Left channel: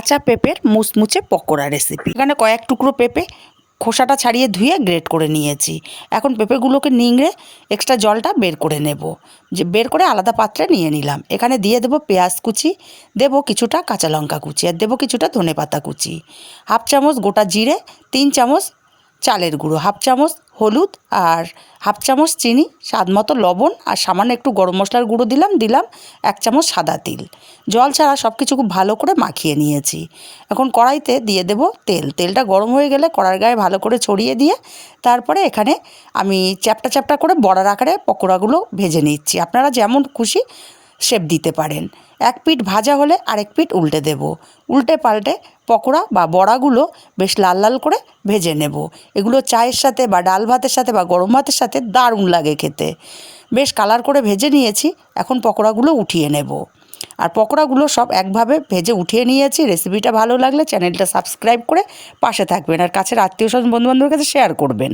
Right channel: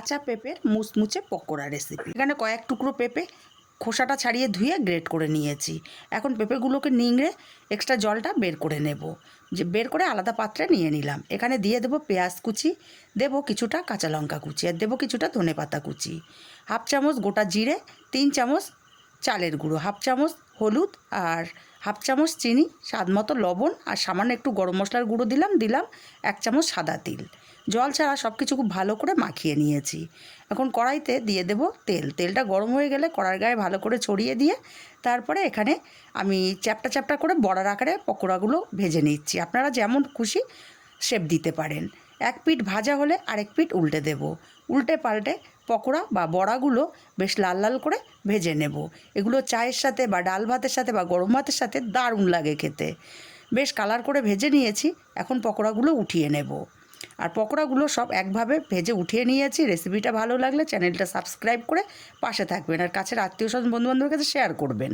কাঁচা পেঁপের মুচমুচে পকোড়া রেসিপি। এখানে কয়েক টুকরো পেঁপে খোসাটা ছাড়িয়ে ধুয়ে গ্রেট করে নিয়েছি। এখন পেঁপেগুলোকে নিংড়ে এক্সট্রা জলটা বের করে নেব, যে বের করে আলাদা পাত্রে নিয়ে নিলাম। এখানে দিয়ে দেবো পেঁয়াজ কুচি, দেবো কিছুটা কাঁচা লঙ্কা কুচি, আর দেবো কিছুটা ধনেপাতা কুচি, হাফ চামচ গোটা জিরে, 3 চামচ চালের গুঁড়ো, হাফ চামচ হলুদ, আর হাফ চামচ চিনি, স্বাদ মতো লবণ, আর সামান্য একটু গরম মশলার গুঁড়ো দিলাম 1 চামচ সাদা তিল। জল ছাড়া সব কিছু খুব ভালো করে মাখিয়ে নিয়েছি। এখন কড়াইতে দিয়ে দেব তেলটা গরম হয়ে গেলে কড়ার গায়ে ভালো করে ছড়িয়ে দিয়ে তারপরে এখানে আমি চ্যাপ্টা চ্যাপ্টা করে বড়ার আকারে পকোড়াগুলো ভেজে নিচ্ছি। আপনারা যেমন খুশি শেপ দিতে পারেন। এক পিঠ ভাজা হলে আরেক পিঠ উল্টে দেব। উল্টে পাল্টে পকোড়া বা বড়াগুলো বেশ লাল লাল করে ভেজে নেব। এগুলো চায়ের সাথে বা ডাল ভাতের সাথে বা গরম ভাতের সাথে দারুণ লাগে খেতে। বেশ কালার করে ভেজে নিয়েছি। এখন পকোড়াগুলো উঠিয়ে নেব। আর পকোড়াগুলো সব একভাবে ভেজে উঠিয়ে নিয়েছি। রেসিপিটা ভালো লাগলে চ্যানেলটা সাবস্ক্রাইব করে পাশে থাকবেন, আর কাছের আত্মীয় স্বজন বন্ধুবান্ধবের কাছে শেয়ার করবেন।